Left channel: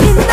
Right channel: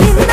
నిన్న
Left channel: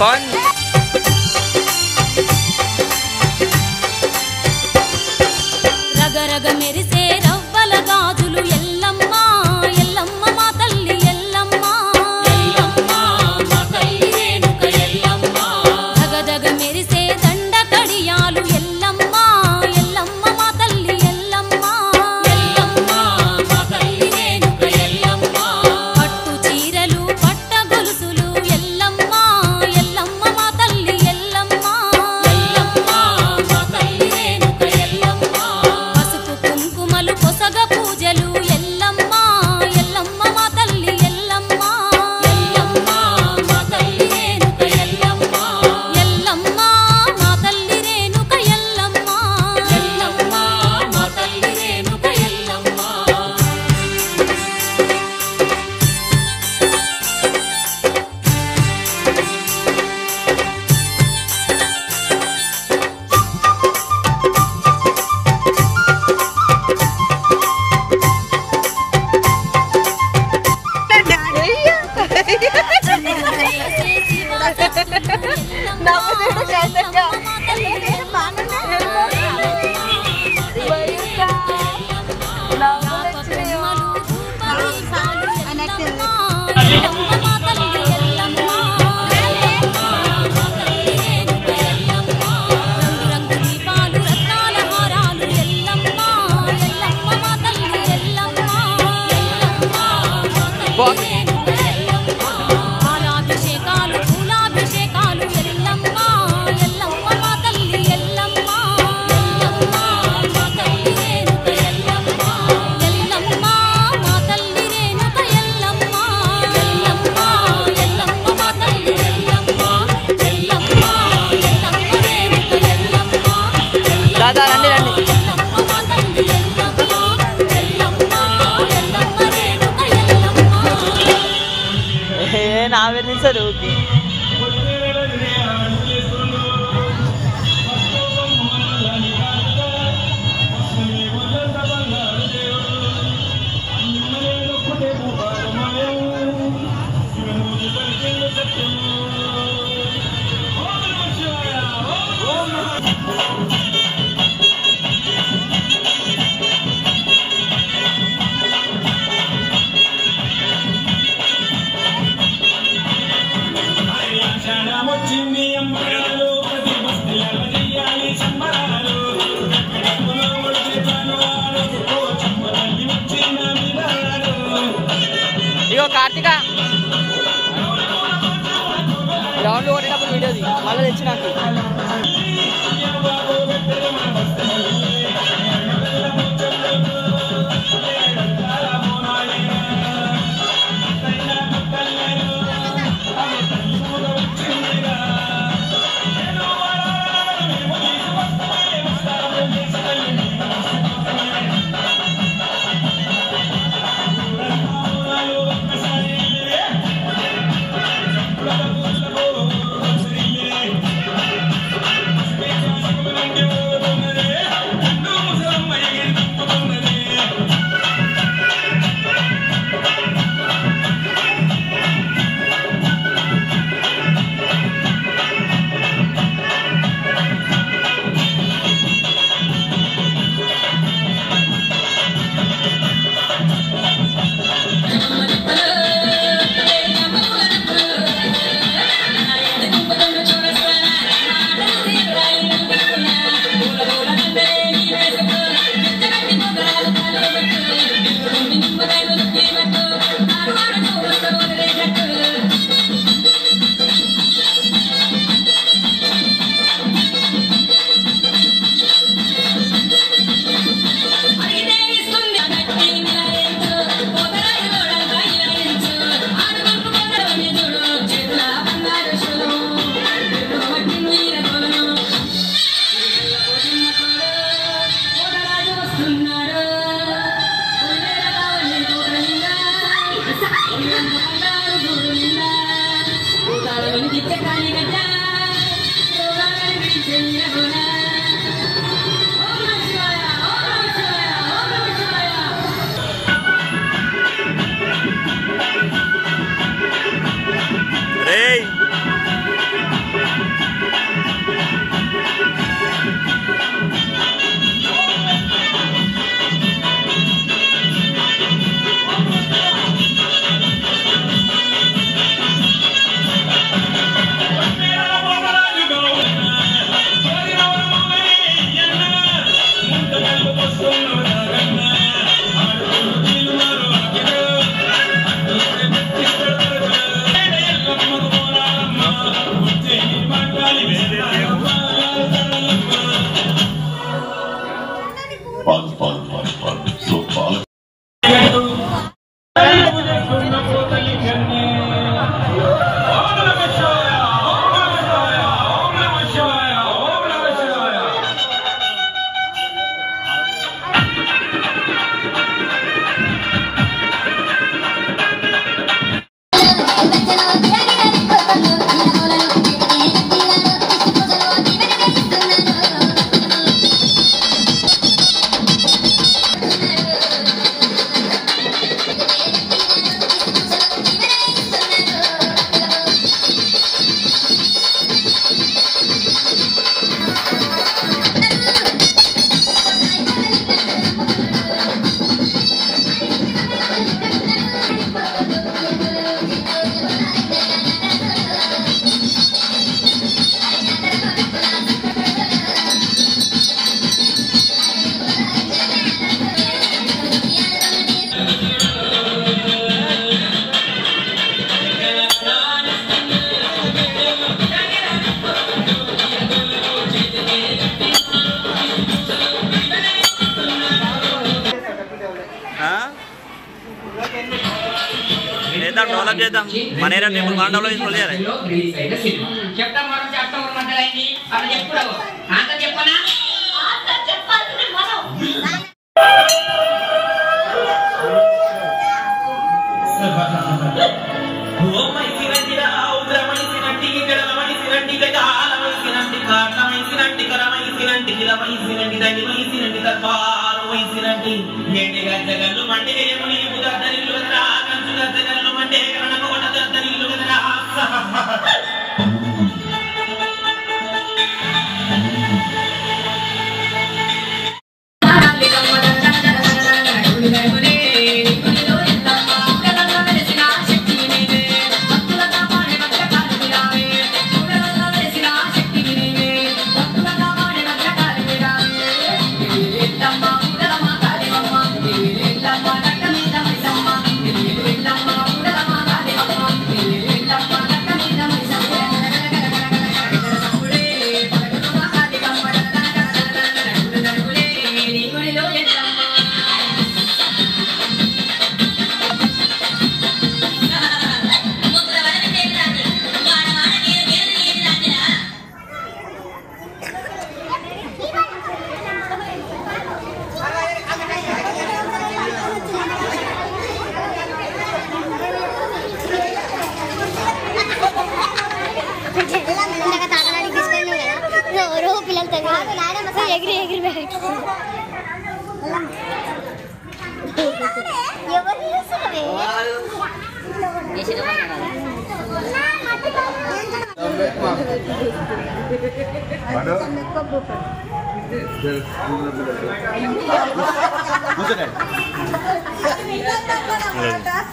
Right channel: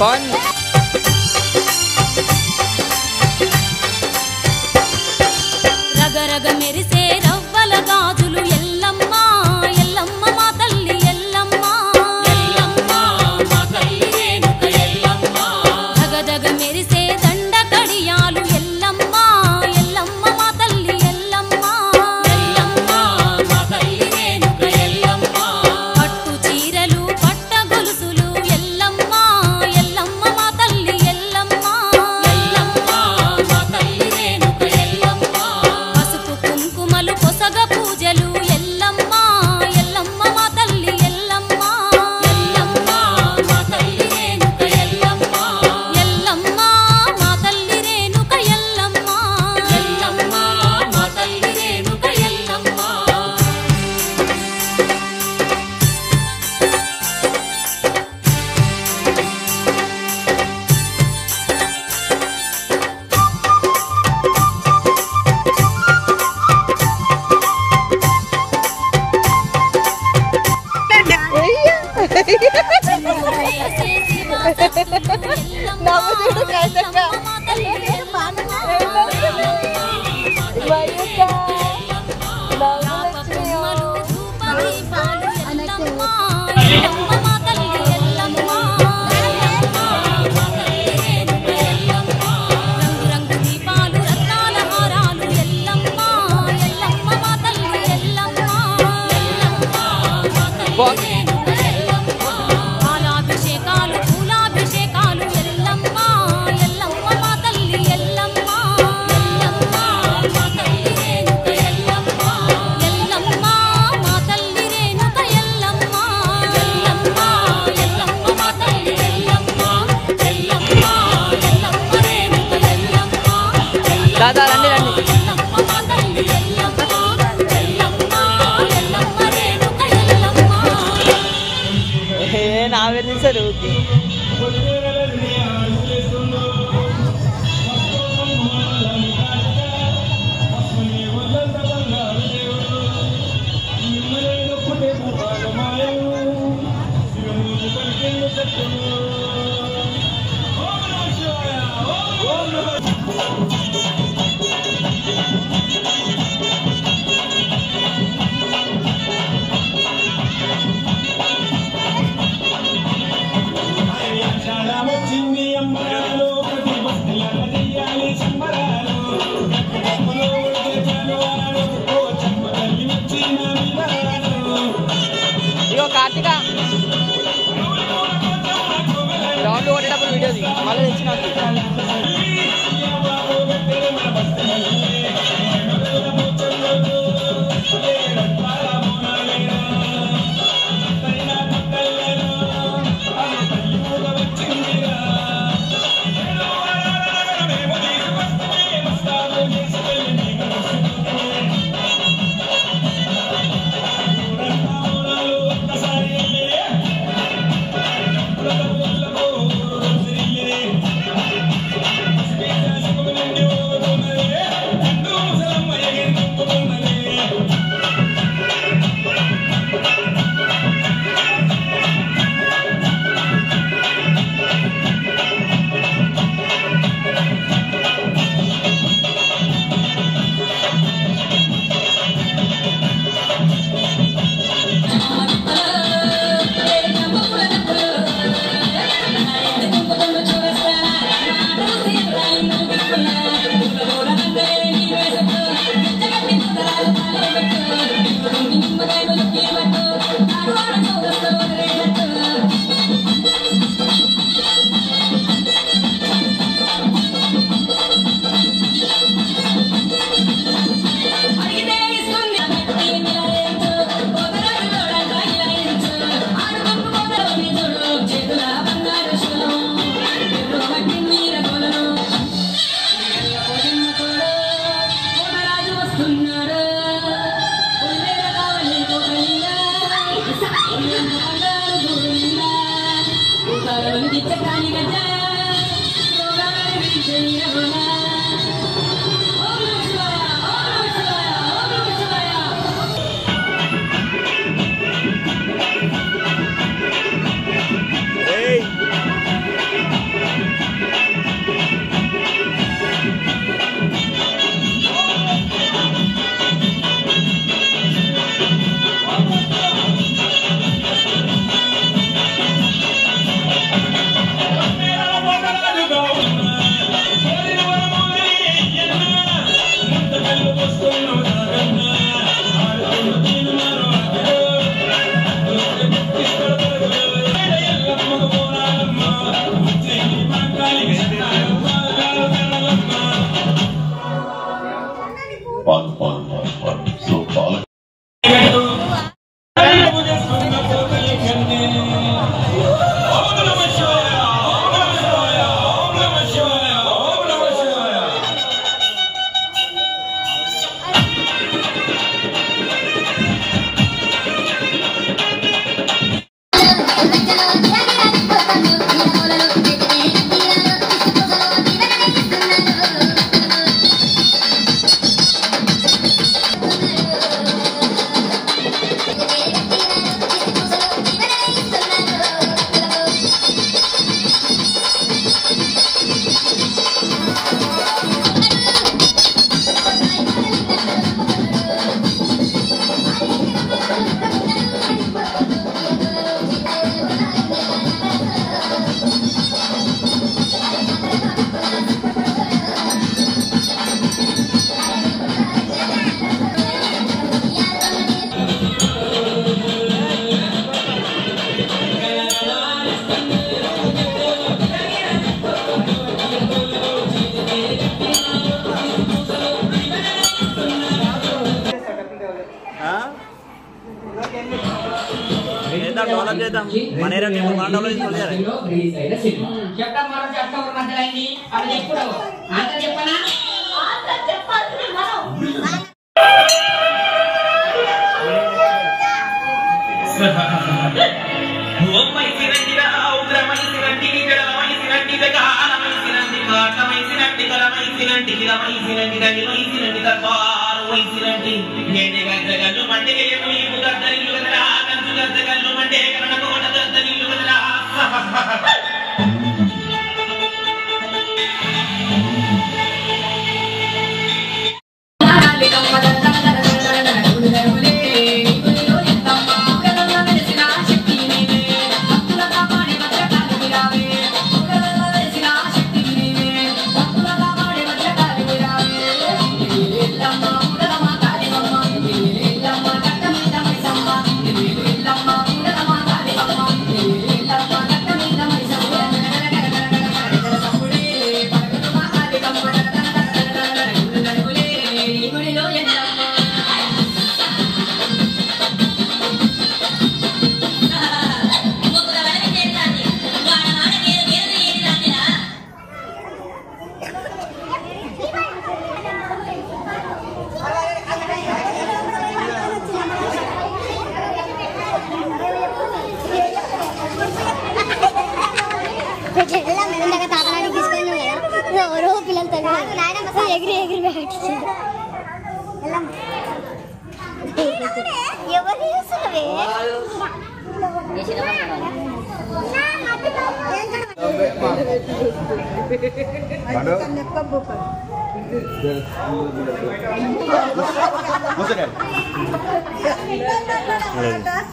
ఫన్ రగరగ మెరిసే రవ్వల గాజులు ఎల్లమ్మ ఎల్లమ్మ మా తల్లి ఎల్లమ్మ ఎల్లమ్మ మా తల్లి రేణుక ఎల్లమ్మ జగజగ మెరిసే దండ కడియాలు ఎల్లమ్మ ఎల్లమ్మ మా తల్లి ఎల్లమ్మ ఎల్లమ్మ మా తల్లి రేణుక ఎల్లమ్మ పట్టు చీరలు పట్ట గొలుసులు ఎల్లమ్మ ఎల్లమ్మ మా తల్లి ఎల్లమ్మ ఎల్లమ్మ మా తల్లి రేణుక ఎల్లమ్మ పసుపు కుంకుమలు పొసగ పూజలు ఎల్లమ్మ ఎల్లమ్మ మా తల్లి ఎల్లమ్మ ఎల్లమ్మ మా తల్లి రేణుక ఎల్లమ్మ ఎల్లమ్మ మా తల్లి రేణుక ఎల్లమ్మ ఎల్లమ్మ మా తల్లి రేణుక ఎల్లమ్మ పాలాభిషేకాలు పూలాభిషేకాలు ఎల్లమ్మ ఎల్లమ్మ మా తల్లి ఎల్లమ్మ ఎల్లమ్మ మా తల్లి రేణుక ఎల్లమ్మ ఎల్లమ్మ మా తల్లి రేణుక ఎల్లమ్మ ఎల్లమ్మ ఎల్లమ్మ మా తల్లి ఎల్లమ్మ ఎల్లమ్మ ఎల్లమ్మ రేణుక ఎల్లమ్మ దాదా రండి రండి ఎల్లమ్మ మా తల్లి ఎల్లమ్మ ఎల్లమ్మ ఎల్లమ్మ రేణుక ఎల్లమ్మ నా పేరు తీసారు ఇగో కార్తీక గ్రౌండ్ కొట్టేటప్పుడు వీడియో ది మళ్ళీ తెచ్చి నాకు Hey! చేద్దాం, డెవలప్ చేద్దాం. మన ఏరియా టెంపుల్ మన డెవలప్ చేసుకోవాలి. చెప్తాం మనం చెప్తాం మధ్యలో అవి చెప్పుడు అంత చెప్పనా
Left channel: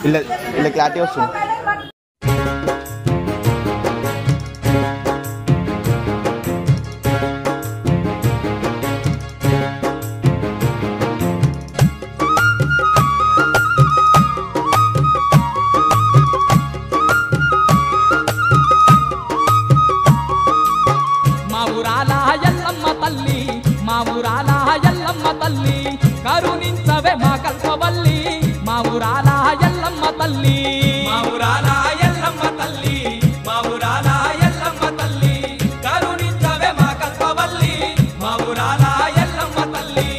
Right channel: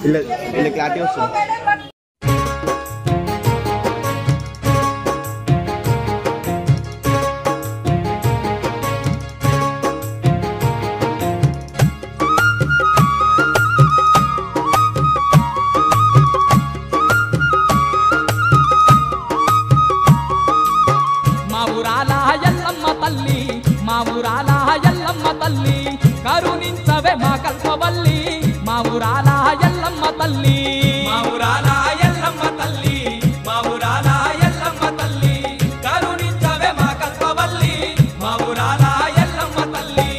ఇలా క్లారిటీ వస్తుంది. కరుణించవే మా కల్పవల్లి మా ఊరాల ఎల్లమ్మ తల్లి మా ఊరాల ఎల్లమ్మ తల్లి మా ఊరాల ఎల్లమ్మ తల్లి కరుణించవే మా కల్పవల్లి మా ఊరాల ఎల్లమ్మ తల్లి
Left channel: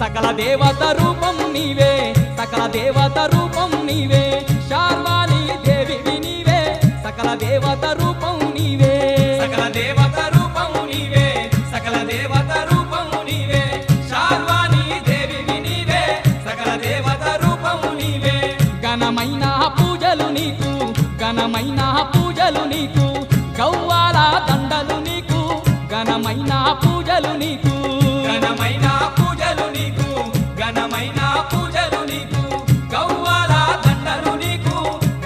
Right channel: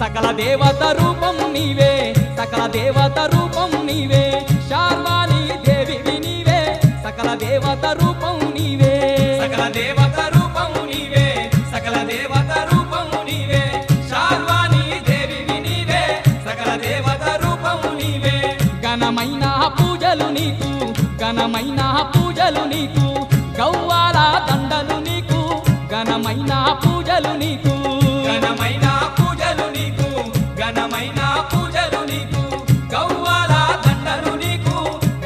సకల దేవత రూపం నీవే సకల దేవత రూపం నీవే శార్వాణి దేవివి నీవే సకల దేవత రూపం నీవే సకల దేవత రూపం నీవే సకల దేవత రూపం నీవే శార్వాణి దేవివి నీవే సకల దేవత రూపం నీవే ఘనమైన పూజలు నీకు ఘనమైన పూజలు నీకు గవ్వాల దండలు నీకు ఘనమైన పూజలు నీకు ఘనమైన పూజలు నీకు ఘనమైన పూజలు నీకు గవ్వాల దండలు నీకు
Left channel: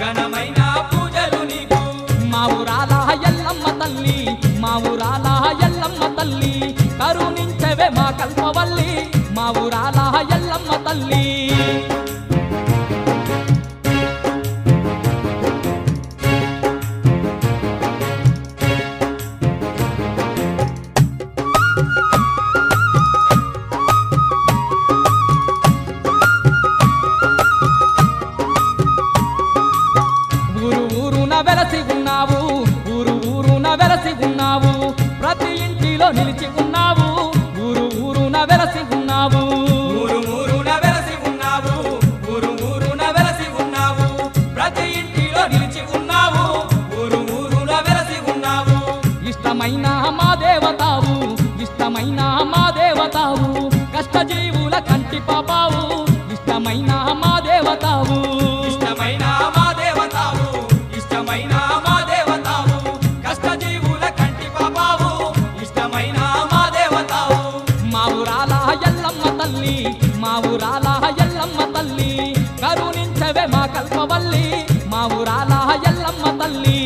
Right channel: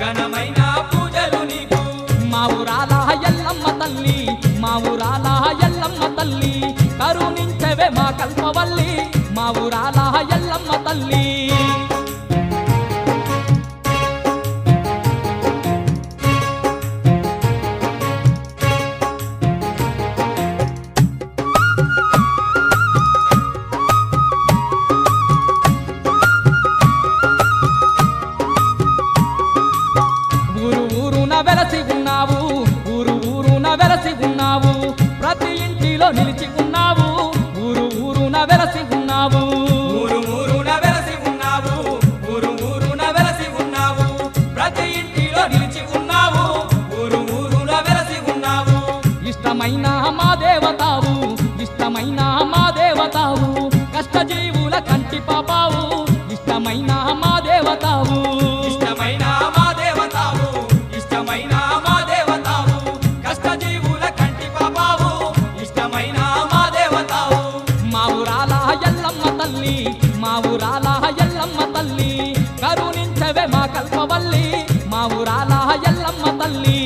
ఘనమైన పూజలు నీకు మా ఊరాల ఎల్లమ్మ తల్లి మా ఊరాల ఎల్లమ్మ తల్లి కరుణించవే మా కల్పవల్లి మా ఊరాల ఎల్లమ్మ తల్లి వెలసి ఉన్నావు ఊరు ఊరున వెలసి ఉన్నావు ప్రతి ఇంటిలో నిలిచి ఉన్నావు ఊరు ఊరున వెలసి ఉన్నావు ఊరు ఊరున వెలసి ఉన్నావు ఊరు ఊరున వెలసి ఉన్నావు ప్రతి ఇంటిలో నిలిచి ఉన్నావు ఊరు ఊరున వెలసి ఉన్నావు ఇష్టమైన మా దేవతావు ఇష్టమైన మా దేవతావు కష్టజీవుల కంటి పాపావు ఇష్టమైన మా దేవతావు ఇష్టమైన మా దేవతావు ఇష్టమైన మా దేవతావు కష్టజీవుల కంటి పాపావు ఇష్టమైన మా దేవతావు మా ఊరాల ఎల్లమ్మ తల్లి మా ఊరాల ఎల్లమ్మ తల్లి కరుణించవే మా కల్పవల్లి మా ఊరాల ఎల్లమ్మ తల్లి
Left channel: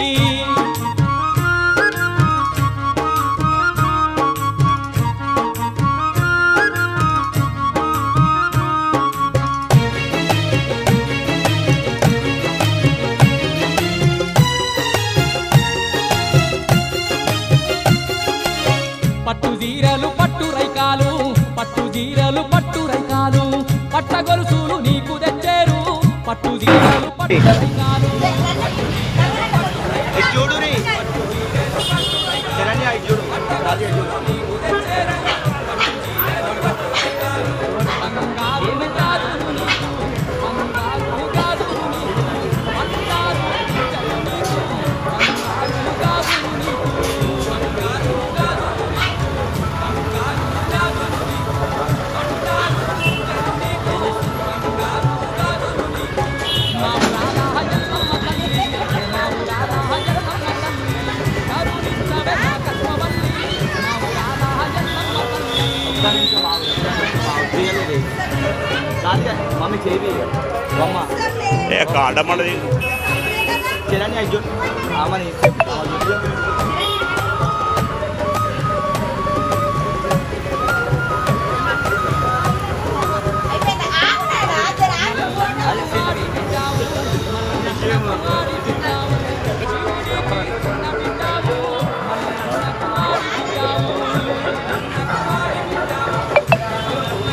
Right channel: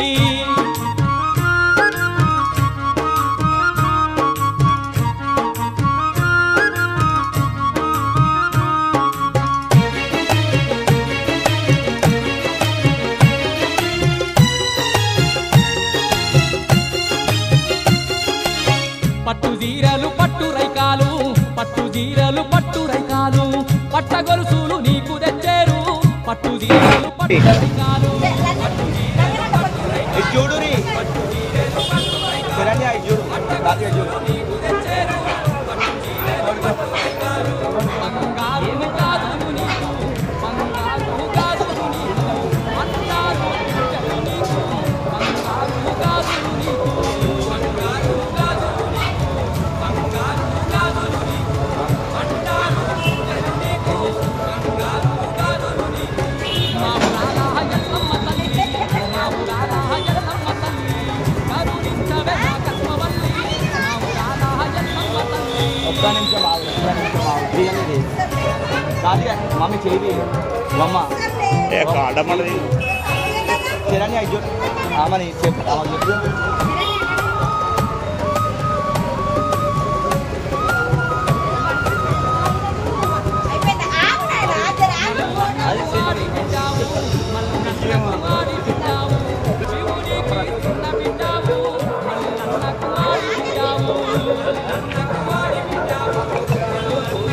చీరలు పట్టు రైకాలు పట్ట గొలుసులు నీకు తెచ్చేరు పట్టు చీరలు పట్టు రైకాలు పట్టు చీరలు పట్టు రైకాలు పట్టు చీరలు పట్టు రైకాలు పట్ట గొలుసులు నీకు తెచ్చేరు పట్టు చీరలు పట్టు రైకాలు బంగారు గాజులు నీకు బంగారు గాజులు నీకు బంగారు పూజలు నీకు బంగారు గాజులు నీకు బంగారు గాజులు నీకు బంగారు గాజులు నీకు బంగారు పూజలు నీకు బంగారు గాజులు నీకు మా ఊరాల ఎల్లమ్మ తల్లి మా ఊరాల ఎల్లమ్మ తల్లి కరుణించవే మా కల్పవల్లి మా ఊరాల ఎల్లమ్మ తల్లి మమ్మీ చేయి అమ్మ ఏ కాడమడది చిరాని అయ్యో ఆమని చెప్పు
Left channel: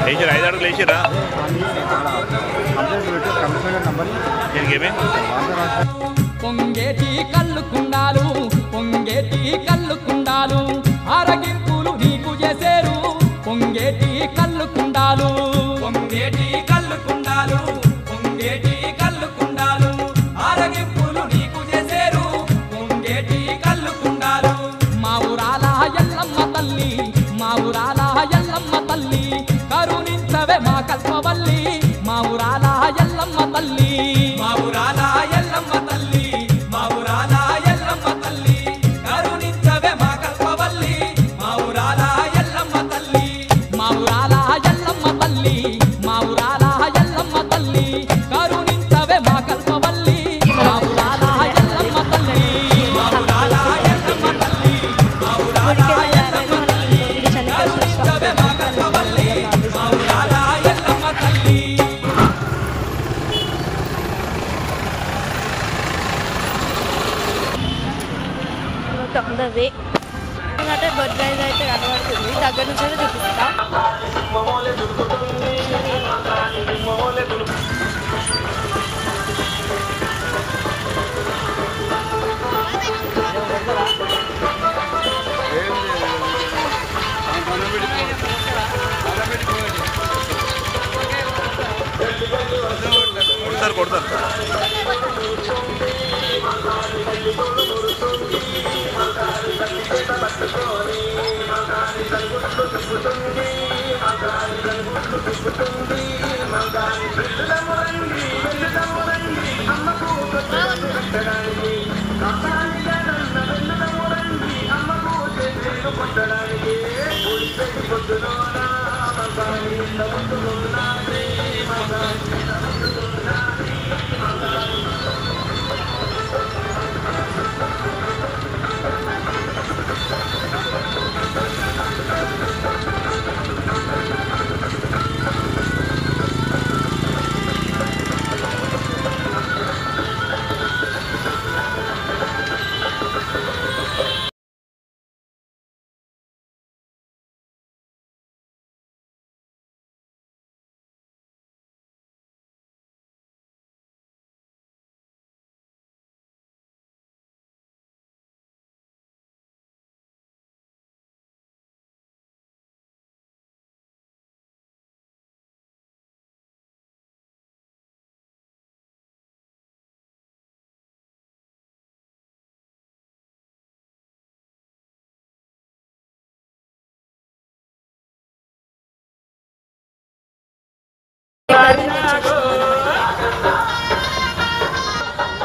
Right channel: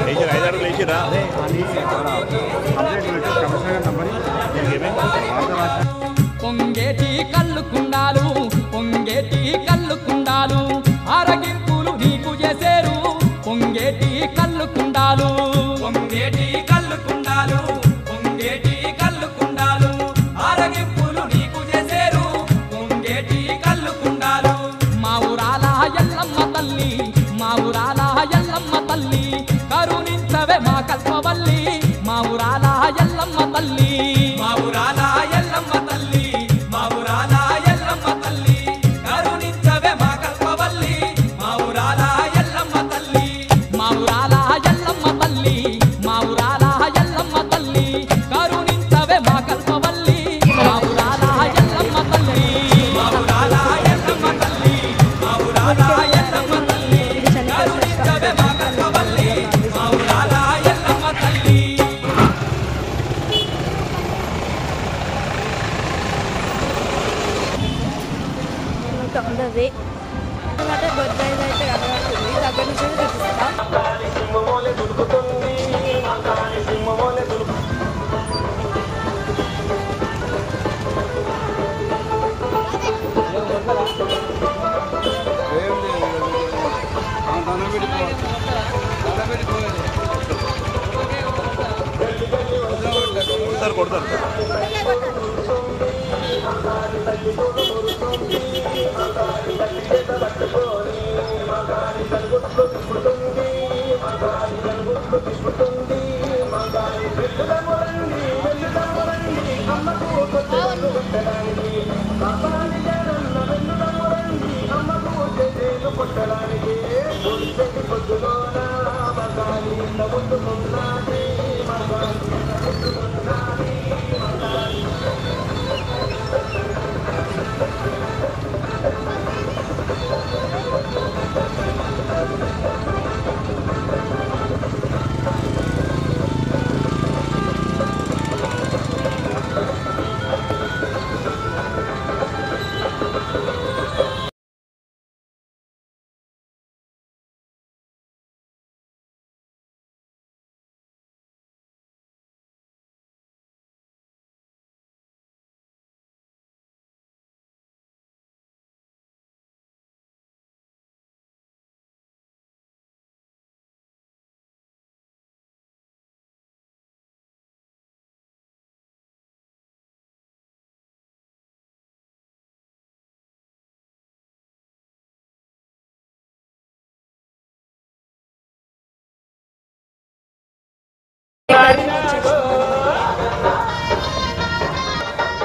లేచిరా 5 అడుగులు లేచిరా పొంగేటి కళ్ళు కుండాలు పొంగేటి కళ్ళు కుండాలు ఆరగింపులు నీకు చేసేరు పొంగేటి కళ్ళు కుండాలు పొంగేటి కళ్ళు కుండాలు పొంగేటి కళ్ళు కుండాలు ఆరగింపులు నీకు చేసేరు పొంగేటి కళ్ళు కుండాలు మా ఊరాల ఎల్లమ్మ తల్లి మా ఊరాల ఎల్లమ్మ తల్లి కరుణించవే మా కల్పవల్లి మా ఊరాల ఎల్లమ్మ తల్లి మా ఊరాల ఎల్లమ్మ తల్లి మా ఊరాల ఎల్లమ్మ తల్లి కరుణించవే మా కల్పవల్లి మా ఊరాల ఎల్లమ్మ తల్లి మా ఊరాల ఎల్లమ్మ తల్లి మా ఊరాల ఎల్లమ్మ తల్లి కరుణించవే మా కల్పవల్లి మా ఊరాల ఎల్లమ్మ తల్లి మా ఊరాల ఎల్లమ్మ తల్లి మా ఊరాల ఎల్లమ్మ తల్లి కరుణించవే మా కల్పవల్లి మా ఊరాల ఎల్లమ్మ తల్లి ఆన్ ద వే అంటే బొడ్రాయి అయితే కనబడుతుంది దగ్గర నుంచి చూపిస్తా కొడతారు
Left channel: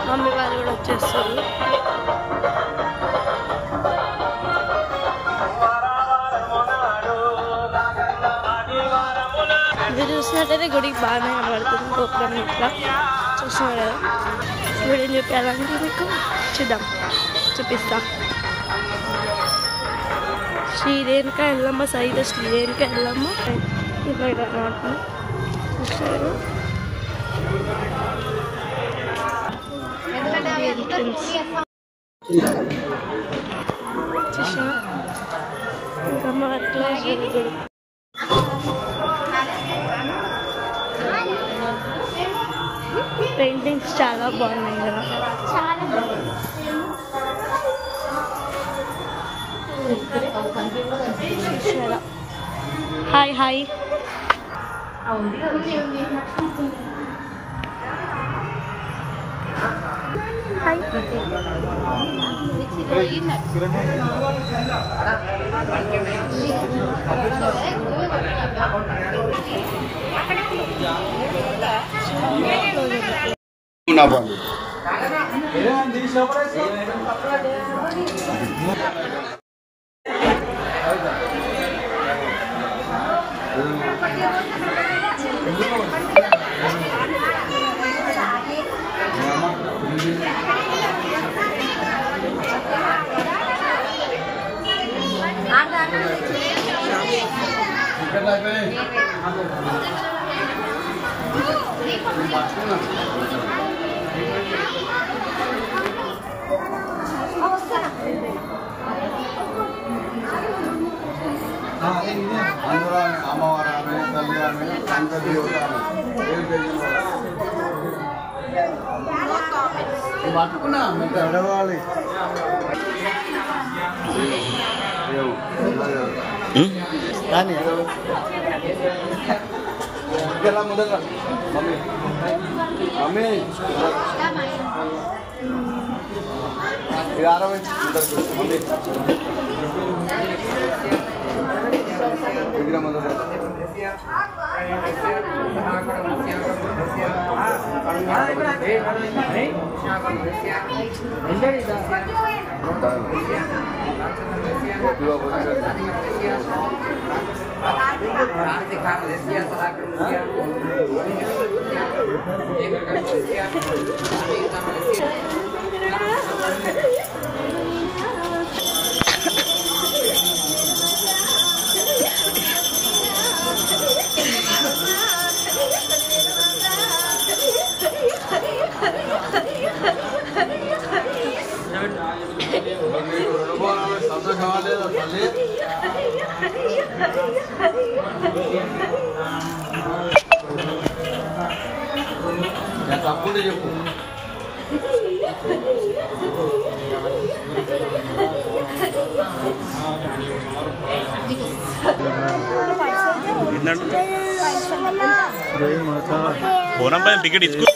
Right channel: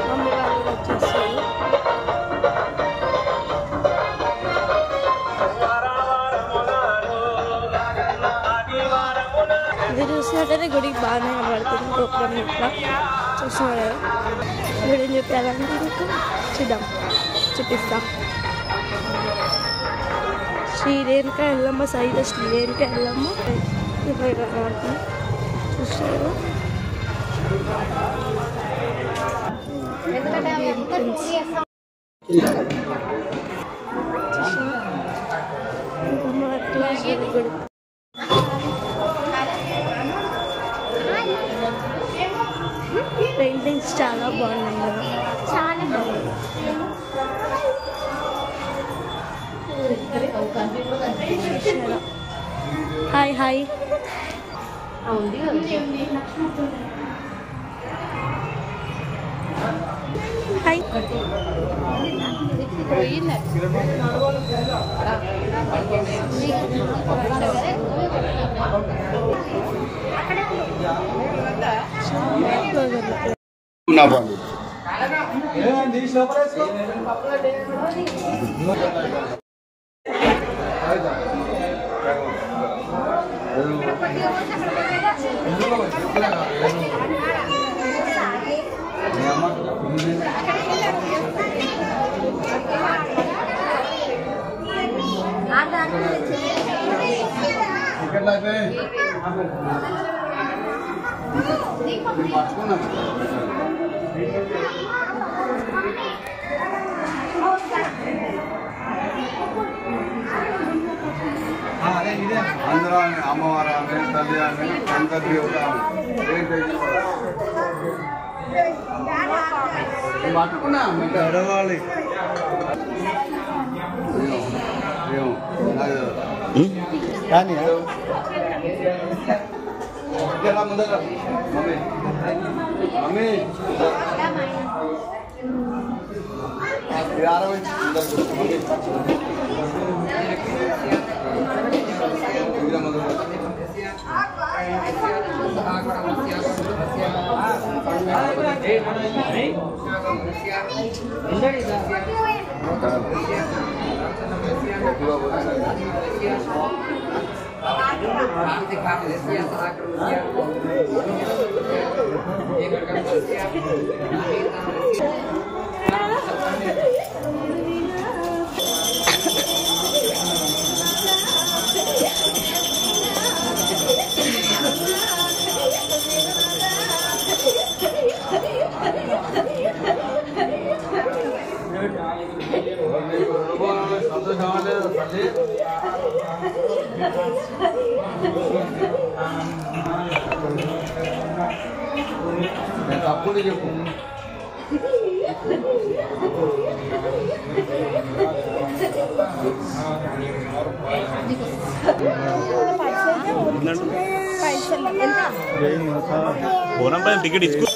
మమ్మీ వాళ్ళు కూడా వచ్చేస్తారు. ఇది చూసినట్టయితే గుడికి బాగానే కనబడుతుంది. గోపురం ఇట్లా చూస్తున్నారు కదా. గుడి ఏం చెప్పాలంటే మీకు చూద్దాం, చూపిస్తా. శ్రీ రేణుక ఎల్లమ్మ సైత శ్రీ రేణుక ఎల్లమ్మ ఇట్లా కనబడుతుంది. చూస్తారు ఇంకా మా క్లాస్ గుడి పెయింటింగ్స్ చాలా బాగున్నాయి కదా. Hi hi. హాయ్. అందరూ అమ్మవారు ఆమె తల్లి ఆమె అందరి పట్టుకున్నా మీకు గడవాలి. మమ్మీ సంతోషమా లేదా తల్లి? తప్పుడు చెప్పు. పోనం పైన టికెట్ ఇచ్చుకో.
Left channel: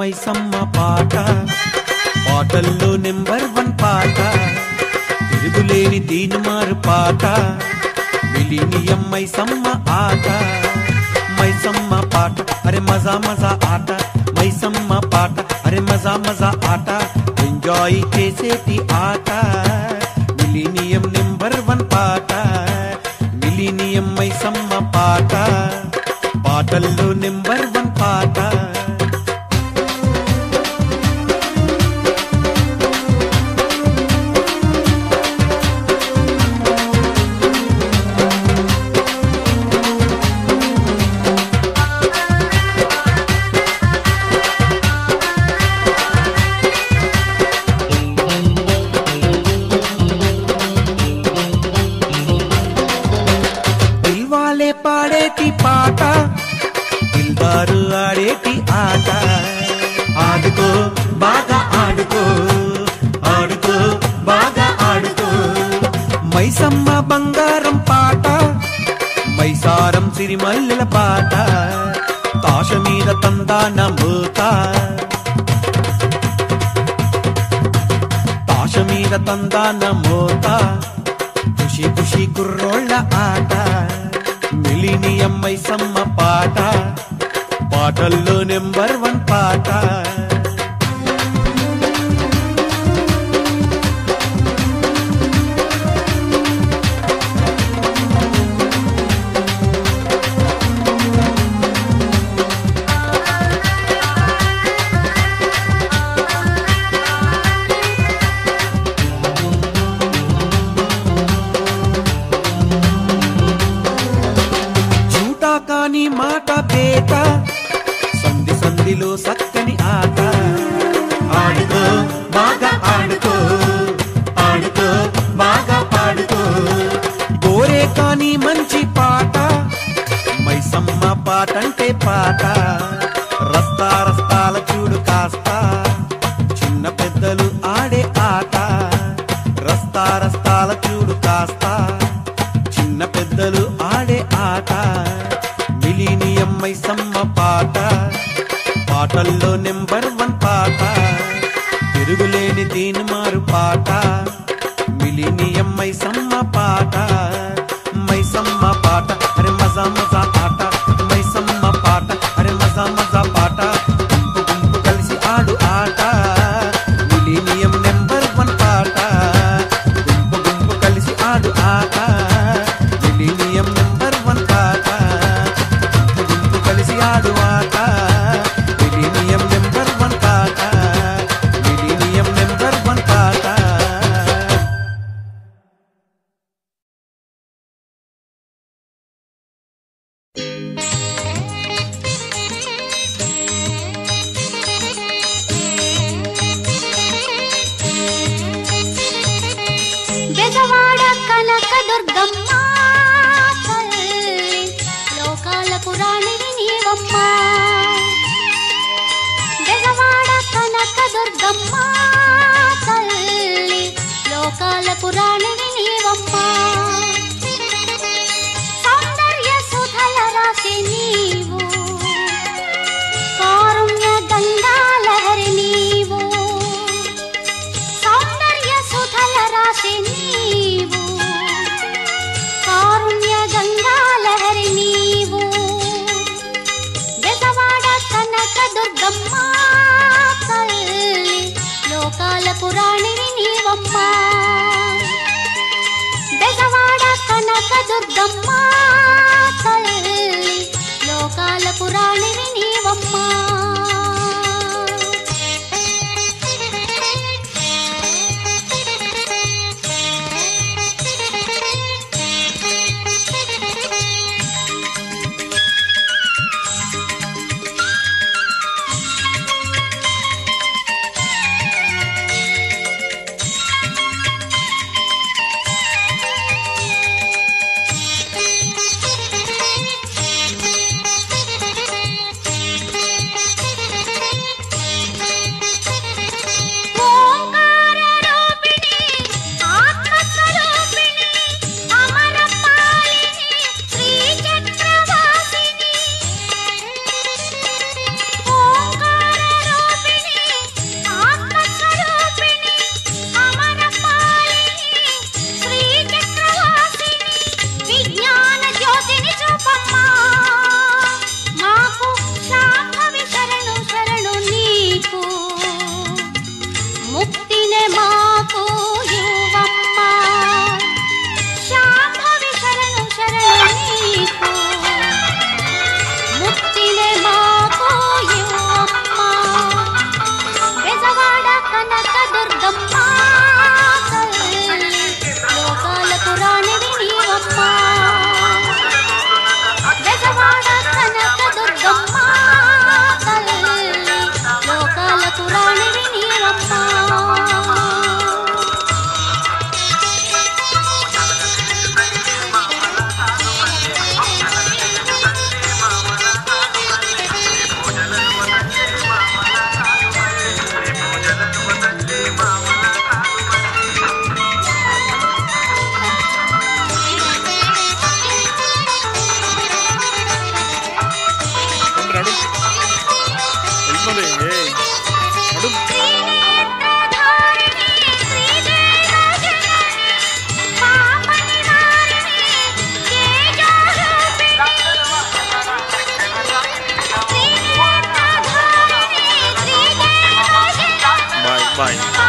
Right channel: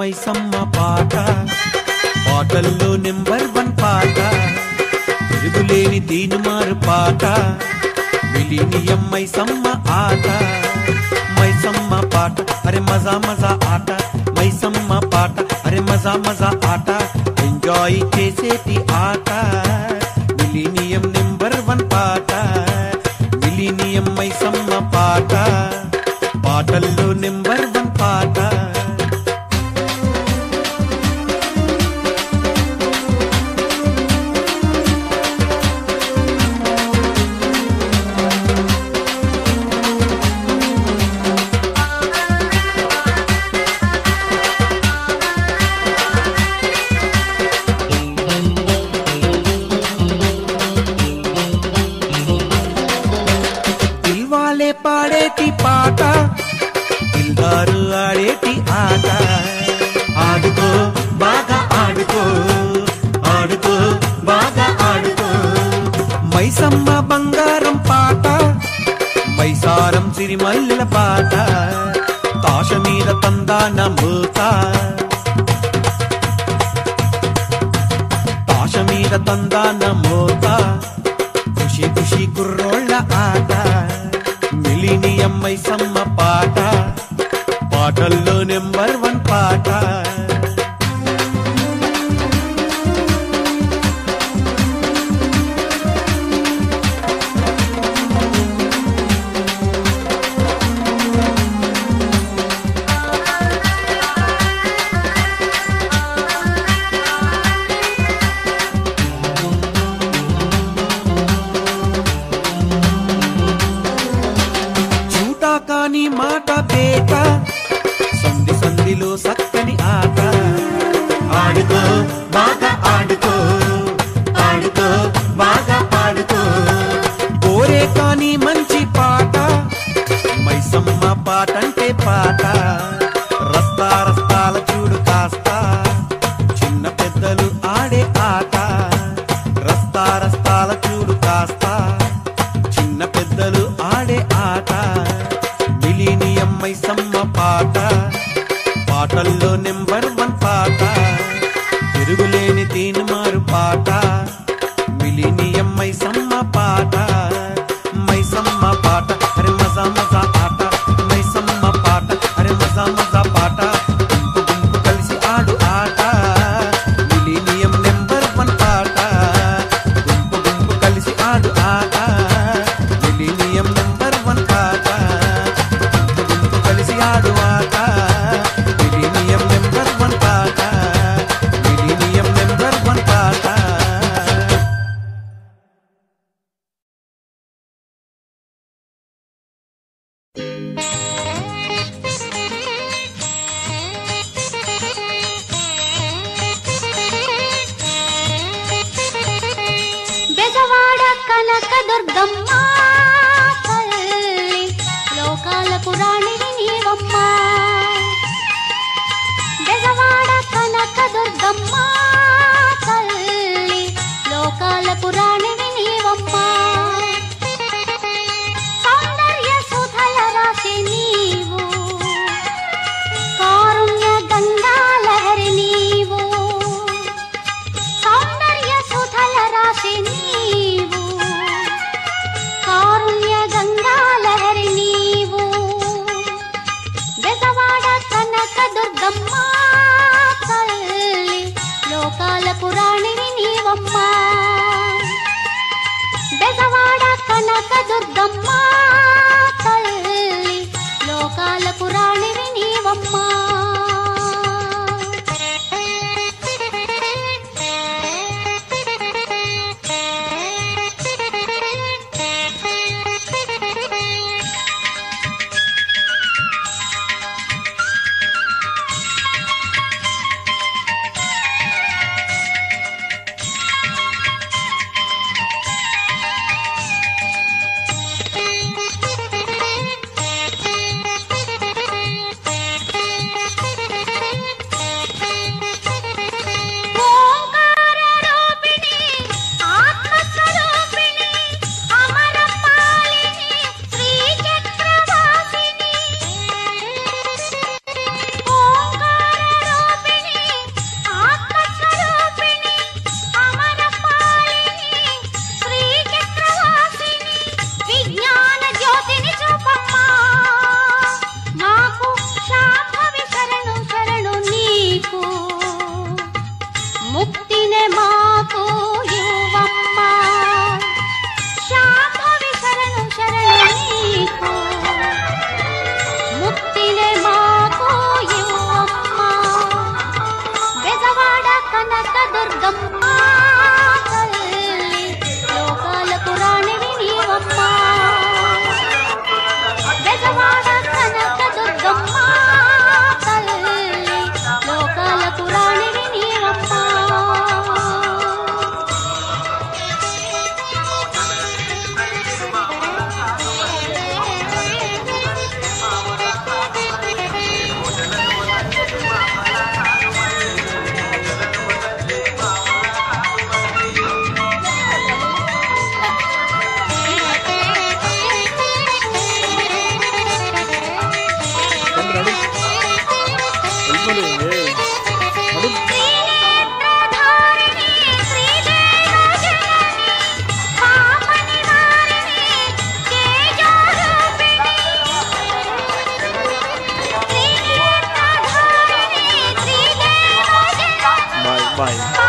మైసమ్మ పాట పాటల్లో నెంబర్ 1 పాట, తిరుగులేని తీనుమారు పాట, మిలీనియం మైసమ్మ ఆట. మైసమ్మ పాట అరే మజా మజా ఆట, మైసమ్మ పాట అరే మజా మజా ఆట, ఎంజాయ్ చేసేటి ఆట. మిలీనియం నెంబర్ 1 పాట, మిలీనియం మైసమ్మ పాట, పాటల్లో నెంబర్ 1 పాట. పాడేటి పాట, దిల్దారు ఆడేటి ఆట. ఆడుకో బాగా ఆడుకో, ఆడుకో బాగా ఆడుకో. మైసమ్మ బంగారం పాట, మైసారం సిరిమల్లెల పాట, తాష మీద తందాన మూత, తాష మీద తందాన మూత, ఖుషి ఖుషి కుర్రోళ్ళ ఆట. మిలీనియం మైసమ్మ పాట, పాటల్లో నెంబర్ 1 పాట. చూటా కాని మాట బేట, సంధి సంధిలో సక్కని ఆట. ఆడుకో బాగా ఆడుకో, ఆడుకో బాగా పాడుకో. గోరే కాని మంచి పాట, మైసమ్మ పాటంటే పాట. రస్తా రస్తాల చూడు కాస్త, చిన్న పెద్దలు ఆడే ఆట. రస్తా రస్తాల చూడు కాస్త, చిన్న పెద్దలు ఆడే ఆట. మిలీనియం మైసమ్మ పాట, పాటల్లో నెంబర్ 1 పాట. తిరుగులేని దీని మారు పాట, మిలీనియం మైసమ్మ పాట. మైసమ్మ పాట అరే మజా మజా ఆట. మైసమ్మ పాట అరే మజా మజా పాట. గుంపు గుంపు కలిసి ఆడు ఆట, మిలీనియం నెంబర్ 1 పాట. గుంపు గుంపు కలిసి ఆడు ఆట, మిలీనియం నెంబర్ 1 పాట. గుంపు గుంపు కలిసి ఆడు ఆట, మిలీనియం నెంబర్ 1 పాట. మిలీనియం నెంబర్ 1 పాట. బెజవాడ కనక దుర్గమ్మ తల్లి, లోకాల పురాణిని నీవమ్మ. బెజవాడ కనక దుర్గమ్మ తల్లి, లోకాల పురాణిని నీవమ్మ. సౌందర్య సుధల రాశి నీవు, కారుణ్య గంగాలహరి నీవు. సౌందర్య సుధల రాశి నీవు, కారుణ్య గంగాలహరి నీవు. బెజవాడ కనక దుర్గమ్మ తల్లి, లోకాల పురాణిని నీవమ్మ. బెజవాడ కనక దుర్గమ్మ తల్లి, లోకాల పురాణిని నీవమ్మ. బాయ్.